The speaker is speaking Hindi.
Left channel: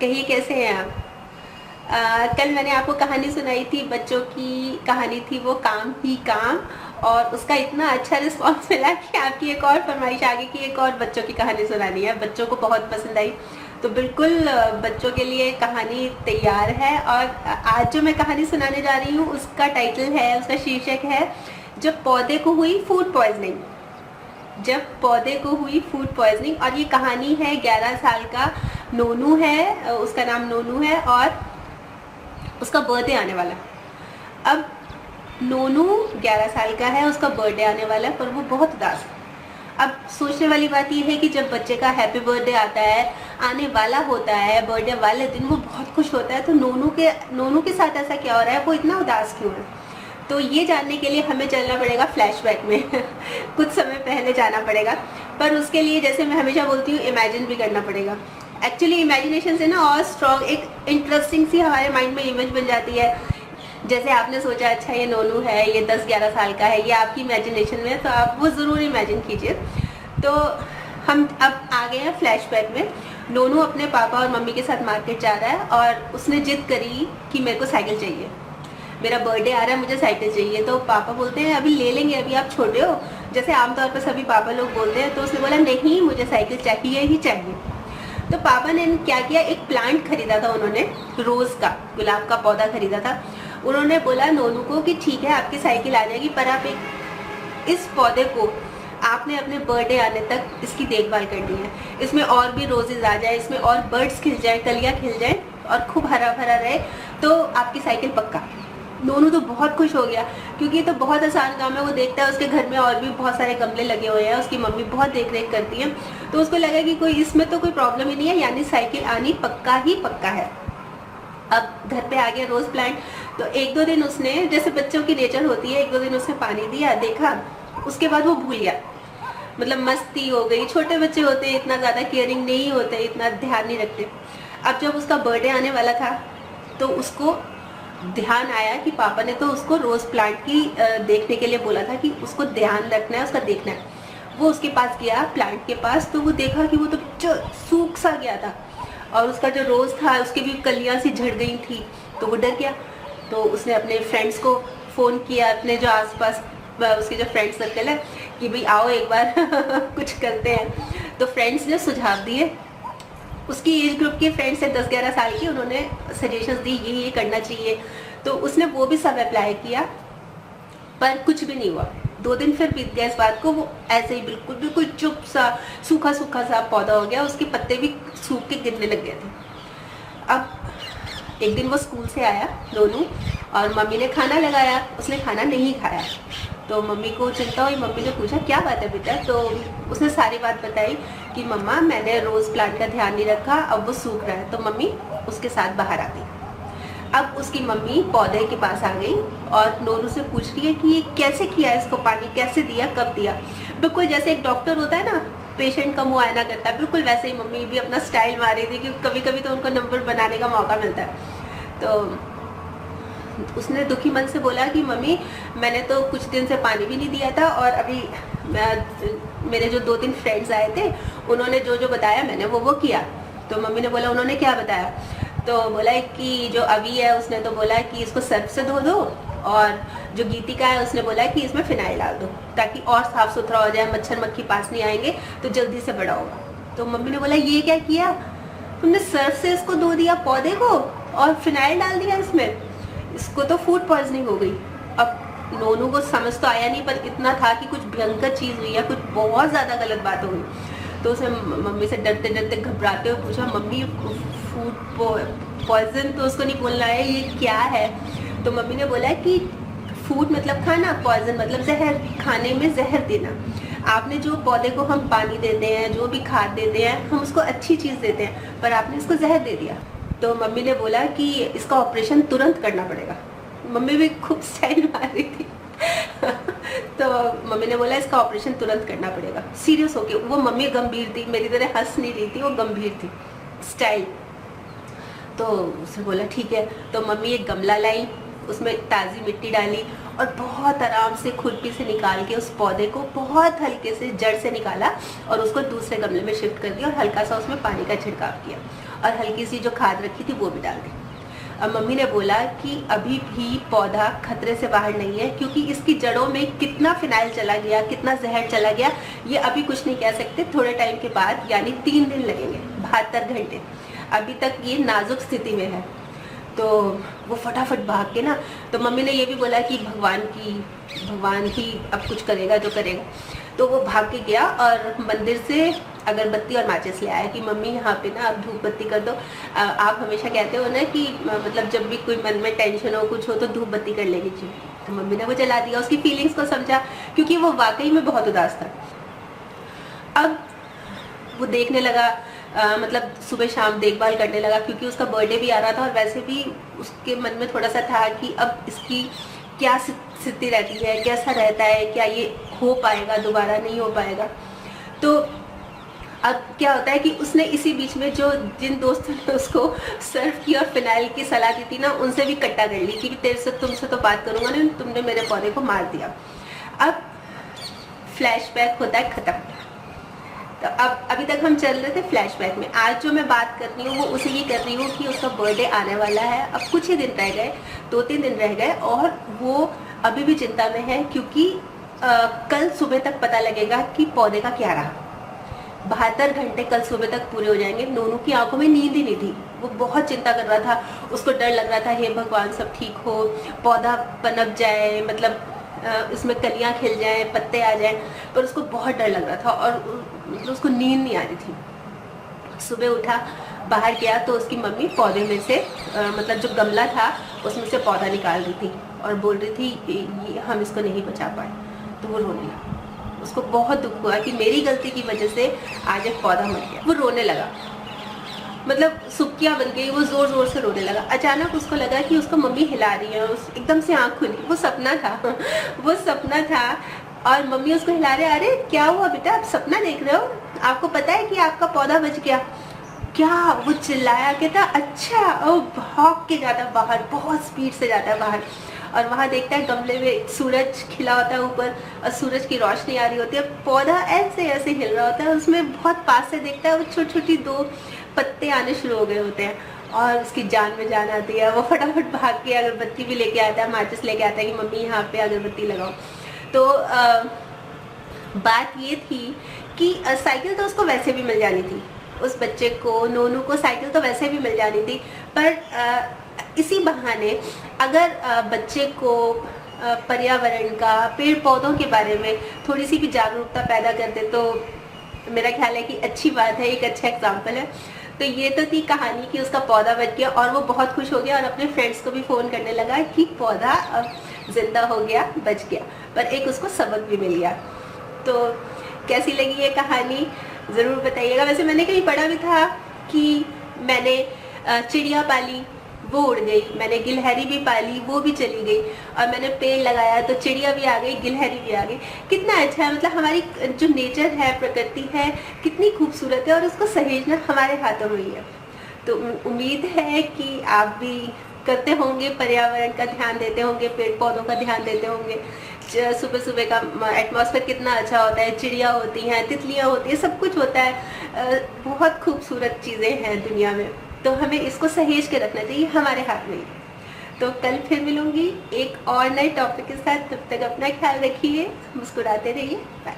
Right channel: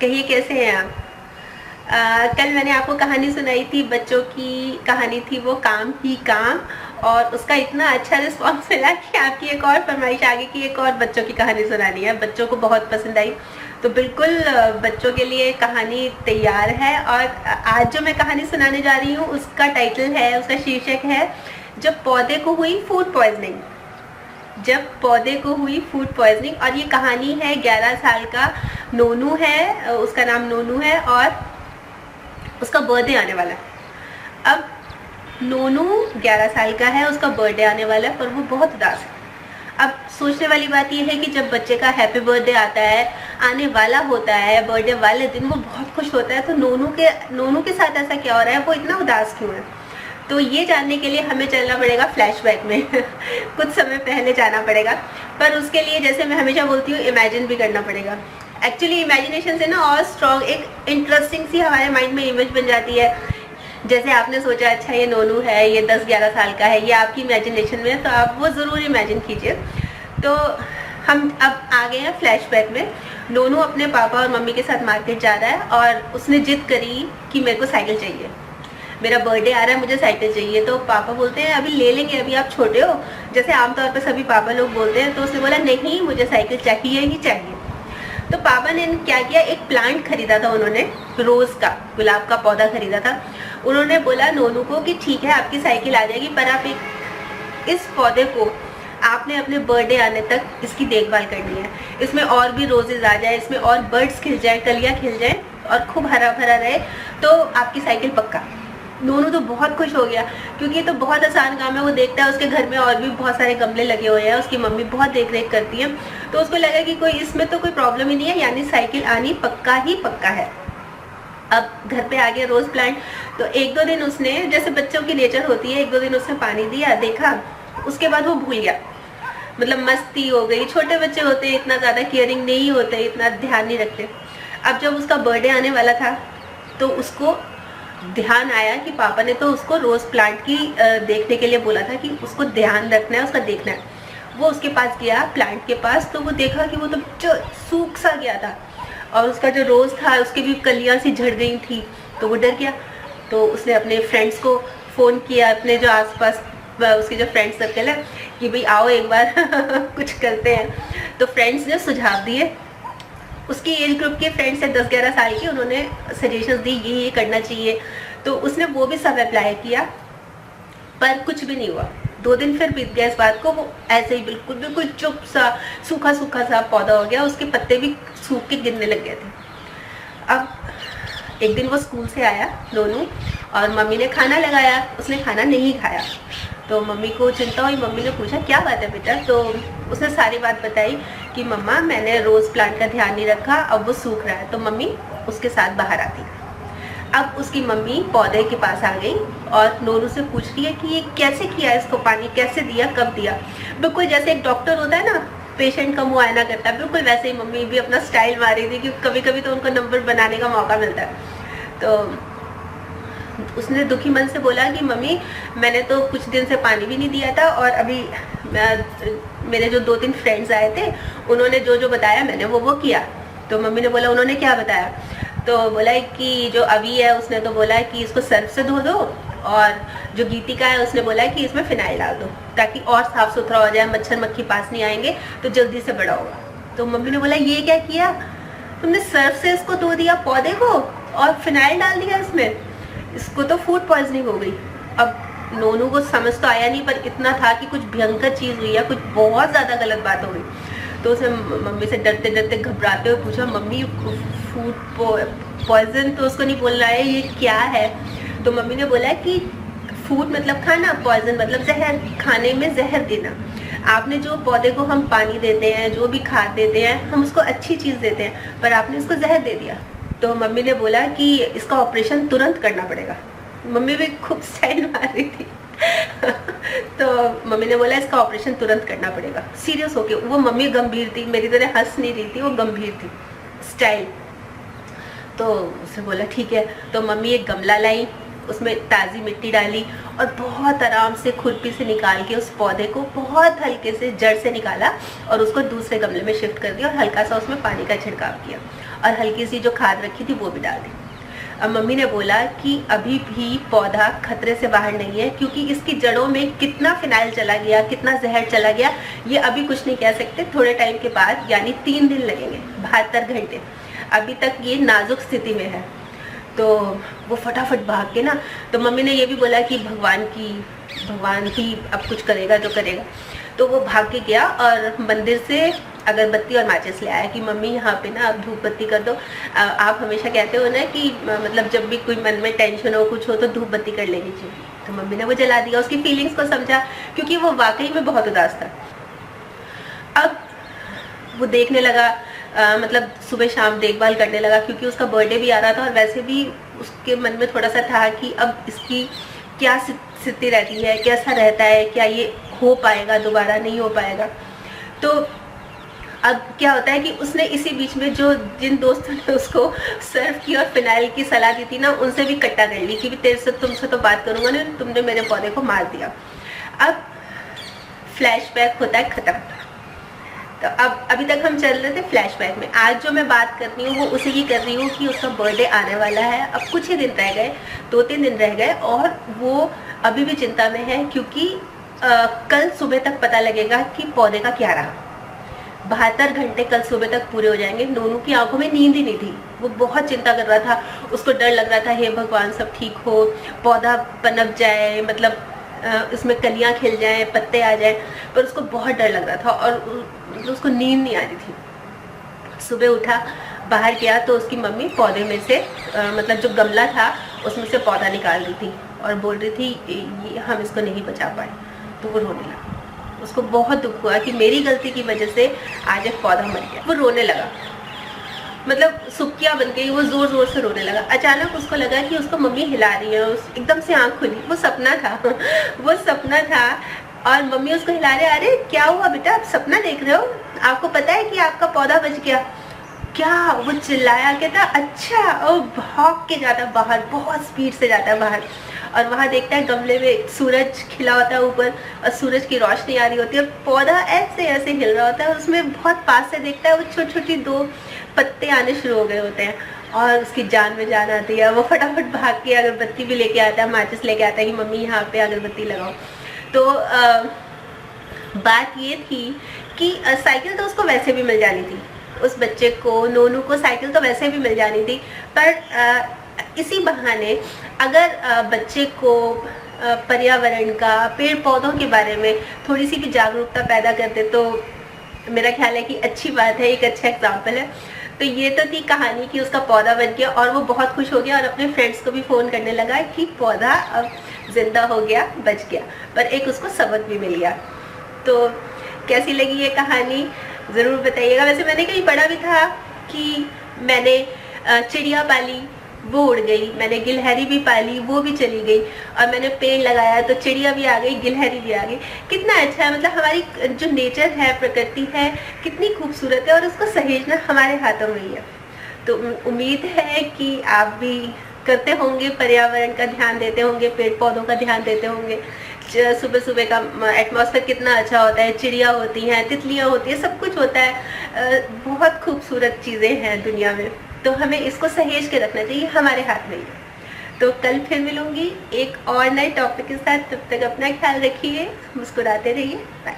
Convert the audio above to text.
कहिए कैसे हैं आप। कल मैंने आपको कहानी सुनाई थी, बच्चों की कहानी थी वो काम ही काम, और उसका इतना अच्छा रिस्पॉन्स मिला कि आपकी एक और फरमाइश आ गई कि एक और बच्चों की कहानी सुनानी है। बच्चों को बहुत पसंद आई, तो बिल्कुल बच्चों के लिए कहानी तैयार है। और आज जो मैं कहानी सुनाने जा रही हूँ उसका टाइटल है, उसका शीर्षक है जब पौधे को हुई फूड पॉइजनिंग। जब पौधे को हुई फूड पॉइजनिंग। और ये कहानी है 11 साल का नोनू है, उसका नाम नोनू है और उसका बर्थडे आने वाला है। अब नोनू 11 साल का है, उसका बर्थडे आने वाला है, पर वो बहुत उदास है। अब सोचने वाली बात यह है कि जब बच्चे का हैप्पी बर्थडे आता है, आने वाला होता है, बर्थडे वाले दिन वो बहुत खुश होता है, तो नोनू के साथ ऐसा क्या हो रहा है, वो इतना उदास क्यों है। तो ये जानने के लिए हमें चलना पड़ेगा फ्लैशबैक में कुछ समय पहले जाना पड़ेगा। पर उसके लिए, जैसे मैं हमेशा बोलती हूँ, इमेजिन भी करना पड़ेगा। एक्चुअली इमेजिनेशन से ना और स्ट्रॉन्ग एक इंटरेस्टिंग सी हमारे माइंड में इमेज बन जाती है। जैसे आपने सोचा अच्छा ये नोनू है, ये 10-11 साल का है, ये आपकी इमेजिनेशन में, तो आप वो ज़रूर इमेजिन कीजिए। तो हम अब आ गए हैं फ्लैशबैक में। नोनू अपने पापा और मम्मी के साथ मार्केट जा रहा है और उसने जिद करी कि मेरे को साइकिल चाहिए, मेरा बर्थडे आ रहा है, मुझे साइकिल चाहिए। तो पापा बोलते हैं अभी ले लेंगे, अभी आप छोटे हो, जैसे आमतौर पर सभी पापा लोग बोलते हैं। तो उसने बोला नहीं, मुझे साइकिल चाहिए ही चाहिए। तो पापा ने क्या किया, एक प्लांट खरीदा था उन्होंने, रोज का, गुलाब का पौधा खरीदा था। उन्होंने बोला नोनू को कि ठीक है आपकी साइकिल आ जाएगी, पर आप इस पौधे को आपने अपने बर्थडे आने तक इसकी देखभाल करनी है। इसमें और भी रोजेज आ जाए, इसमें और बर्ड्स खिल जाए, कलियां खिल जाए और खूब हरा भरा रहे, तो आपकी साइकिल पक्का। नोनू तो बहुत खुश हो गया, क्योंकि ये तो बहुत आसान काम है। वो देखता है उसके घर में और भी बहुत सारे गमले लगे हुए हैं, उसकी मम्मी बहुत देख रेख करती है, तो उसको लगा कि कोई इसमें तो कोई प्रॉब्लम ही नहीं है, यानी साइकिल आनी पक्का ही पक्का है। अब घर पे आ गया रोज प्लांट। तो 1-2 दिन उसने, जैसे बच्चों की नेचर होती है, 1-2 दिन उसने पानी दिया, देखा, उसके बाद वो भूल गया। मतलब मस्ती हो गई, छोटे बच्चे होते हैं, इतना ज्यादा केयरिंग नहीं होते, इतना ध्यान नहीं रखते। अब जब उसका बर्थडे आने वाला था तो उसको ध्यान आया कि पापा ने तो उसको रोज प्लांट की देखने के लिए बोला था कि उसको ध्यान रखना है, उसका देखना है। वो उसके पास गया, प्लांट के पास, तो वो देखा कि वो तो सूख सा गया था और उसका जो रोज था उसकी भी कलियां सी झड़ गई थी। तो वो डर गया, तो उसने अपने फ्रेंड्स को फोन किया, अपने जो आसपास उसके जो फ्रेंड सर्कल है, कि भाई आओ एक बार कुछ करते हैं। तो फ्रेंड्स ने सुझाव दिए, उसकी एज ग्रुप के फ्रेंड्स है 10-11 साल की, उन्होंने सजेशंस दी ये करना चाहिए। तो उसने वो भी सब अप्लाई किया, पर कुछ भी नहीं हुआ। 2 दिन फिर बीत गया इस बात को, वो ऐसे ही बिल्कुल बिल्कुल चुप सा सूखा सूखा सा पौधा हो गया, उसके पत्ते भी सूख के गिरने लग गए थे। अब एक दिन वो स्कूल से आया नोनू, और मम्मी ने खाना लगाया, उसने खाना नहीं खाया। तो मम्मी को चिंता हुई, मम्मी ने पूछा क्या बात है बेटा। तो उसने सारी बात बताई कि मम्मा मैंने रोज प्लांट का ध्यान नहीं रखा, अब वो सूख रहा है। तो मम्मी उसके साथ बाहर आती। अब उसकी मम्मी पौधे के पास आ गई और नोनू से पूछ रही है कि ये कैसे किया, इसको पानी कैसे दिया, कब दिया। बिल्कुल जैसे एक डॉक्टर होता है ना, पेशेंट का मुआयना करता है, बिल्कुल वैसे ही मम्मी भी अपना स्टाइल मारी थी, क्योंकि कभी कभी तो उनको नंबर बनाने का मौका मिलता है। तो उसने दुखी मन से बोला कि मम्मी मैंने तो कुछ दिन से पानी भी नहीं दिया था, और अभी मेरे जो 2-3 फ्रेंड्स आए थे, उन्होंने जो जो बताया मैंने वो किया। तो मम्मी ने बोला उन्होंने क्या बताया। तो बोला कि जो अभी है उसने तो बोला कि इसको सर्फ से धो दो, और जो गीतिका है उसने बोला कि इसमें फिनाइल डाल दो ताकि और साफ सुथरा हो जाए, मच्छर मक्खी पास नहीं आएंगे तो जल्दी से बड़ा होगा। तो मम्मी ने बोला ये क्या किया तुमने, सर्फ से इसको धो दिया पौधे को और फिनाइल डाल दिया इसमें, इसको तो फूड पॉइजनिंग हो गई। अब नोनू को समझ तो आया नहीं, पर इतना था कि कुछ भयंकर चीज हुई है, कुछ बहुत ज्यादा गलत बात हो गई। तो उसने मम्मी से डरते डरते घबराते हुए पूछा मम्मी फूड पॉइजन तो उसको नहीं बोलना है, ये क्या है। तो मम्मी ने बोला कि फूड मतलब खाना, पॉइजन मतलब जहर, खाने में जहर देना। आपने जो पौधे को हम पानी देते हैं, जो भी खाद देते हैं, हम उसको अच्छी चीज देते हैं, पर आपने उसको जहर दे दिया। तो मम्मी ने बोला कि इसका ऑपरेशन तुरंत करना पड़ेगा। मम्मी भी खूब स्टाइल मार रही थी तो मम्मी ने बोला इसका ऑपरेशन तुरंत करना पड़ेगा, सीरियस होके। वो मम्मी गंभीर थी, मेरी तरह हंस नहीं रही थी, वो गंभीर थी स्टाइल। तो उसे बोला ठीक है। तो मम्मी एक गमला लाई, उसमें ताज़ी मिट्टी डाली और बहुत आराम से खुरपी से निकाल के उस पौधे को बहुत हल्के से जड़ से निकाला और उसको दूसरे गमले में शिफ्ट कर दिया और हल्का सा उसमें पानी का छिड़काव किया। और हल्की सी जो खाद रखी थी वो भी डाल दी। अब मम्मी ने बोला कि अभी भी पौधा खतरे से बाहर नहीं है, क्योंकि इसकी जड़ों में कितना फिनाइल चला गया, कितना जहर चला गया, ये अभी कुछ नहीं कह सकते। थोड़े टाइम के बाद, यानी 3 दिन लगेंगे, 72 घंटे, अभी तक ये नाजुक स्थिति में है। तो वो फटाफट भाग के ना, तो मम्मी ने ये भी बोला कि भगवान ही अब कुछ करेगा जो करेगा। तो वो भाग के गया और मंदिर से अगरबत्ती और माचिस ले आया कि मम्मी यहाँ पे ना अब धूप बत्ती कर दो। आप हमेशा कहते हो ना कि मतलब जब भी कोई मन में टेंशन हो, कुछ हो, तो धूप बत्ती कर लेनी चाहिए। तो मम्मी ने वो जला दिया, उसकी फीलिंग्स को समझा, क्योंकि वो वाकई में बहुत उदास था। अब वो देखने लगा, मतलब सुबह शाम देखभाल करने लगा, क्योंकि उसका बर्थडे भी आ रहा था और वैसे भी उसके मन में थोड़ा सा था कि अब इसकी क्या स्थिति रहती है, कैसा रहता है, क्या ये हो पाएगा दोबारा, नहीं हो पाएगा। तो अब क्या होता है कि उसने इसी बीच में जो जिन दोस्तों ने उसको सर्फ की और फिनाइल की सलाह दी थी ना, उनसे भी कट्टा कर ली कि तुमसे तो बात करूंगा ना, तुमने मेरे पौधे को मार दिया। अब फ्लैशबैक होता है खत्म। तो अब अभी तक हम चल रहे थे फ्लैशबैक में। आज जो मैं बात कर रही हूँ वो उसी की कर रही हूँ कि उसका बर्थडे आने वाला है। अब कुछ ही दिन रह गए, 2-3 दिन रह गए, और वो अभी भी चिंता में है, क्योंकि कल सुबह तक पता लगेगा कि पौधे का क्या रहा। 72 घंटे कल सुबह तक पूरे हो जाएंगे। नोनू की आंखों में नींद ही नहीं थी, वो बहुत चिंता कर रहा था, उसको डर लग रहा था, हे भगवान सब ठीक हो, पौधा पनप जाए, मतलब उसमें कलियां खिल जाएं, पत्ते आ जाएं, पर उसको बहुत डर लग रहा था और मतलब उसको नींद नहीं आ रही थी। सुबह उठा, बाहर गया तो उसकी मम्मी पौधे में से मतलब जो गमला था उसमें से पौधा निकाल रही थी और बोल रही थी हम इसको नहीं बचा पाए। तो वो रोने लगा, उसको बहुत दुख हुआ कि मेरी गलती की वजह से आज एक पौधा मर गया। वो रोने लगा, मतलब सुक्कियां बन गई, वो जोर जोर से रोने लगा। अचानक उसको लगा कि उसको मम्मी हिला रही है, एकदम से आंख खुली, वो सपना था वो सपना था और मम्मी उसको हिला रहे। अरे क्या हुआ बेटा, आप सपना देख रहे हो, आपको पता है कि आपका पौधा बच गया क्या? वो चिल्लाया, कहता अच्छा। और भाग के जाता है बाहर, बहुत स्पीड से जाता है बाहर, और वहां देखता है गमले में सूरज खिला होता है ऊपर और सूरज की रोशनी आ रही होती है, पौधा ऐसे ऐसे हिल रहा होता है, उसमें बहुत पास से देखता है वो छोटी छोटी 2 पत्ते आने शुरू हो गए होते हैं और उसकी जान में जान आती है। वो फटाफट भाग के अगरबत्ती भी लेके आता है, माचिस लेके आता है कि मम्मी यहाँ पे अगरबत्ती लगाओ। तो बात ये थी कि साइकिल तो उसको वैसे भी मिल जानी थी, उस बच्चे को, नोनू को साइकिल तो वैसे भी मिल जानी थी, पर इसी बहाने अगर बच्चे को पर्यावरण का, पेड़ पौधों के बारे में थोड़ी सी भी जागरूकता पैदा कर दे तो मेरा ख्याल है कि अच्छी बात है, एक अच्छा एग्जाम्पल है। तो ये तो थी कहानी कि उसका पौधा बच गया और वो बहुत खुश हो गया और अपने फ्रेंड्स को भी फ़ोन करने लगा कि पौधा अब जिंदा हो गया, बच गया, पर एक उसको सबक भी मिल गया। तो कैसी लगी ये कहानी ज़रूर बताइएगा। वैसे मैंने कहीं पढ़ा भी था कि मैंने चिड़िया पाली, वो उड़ गई, मैंने गिलहरी भी पाली, वो भी चली गई, और मैंने पेड़ लगाया तो चिड़िया भी आ गई, गिलहरी भी आ गई। कितना अच्छा है, मतलब हमारी जो नेचर है, प्रकृति है, कितनी खूबसूरत है और उसको सहेजना हमारे हाथों में ही है। तो उम्मीद है कि आप भी करते होंगे, पर्यावरण का ध्यान देते होंगे, पेड़ पौधों का ध्यान देते होंगे। सुबह सुबह का एटमॉस्फेयर कितना अच्छा होता है, चिड़िया होती हैं, तितलियाँ होती हैं, सब कुछ होता है, बहुत खूबसूरत चीज़ें हैं दुनिया में, तो हमें इसको सहेज के रखना चाहिए, हमारे हाथ में ही। तो कल फिर मिलूंगी एक और नए टॉपिक के साथ, तब तक अपना ख्याल रखिए, मुस्कुराते रहिए, बाय।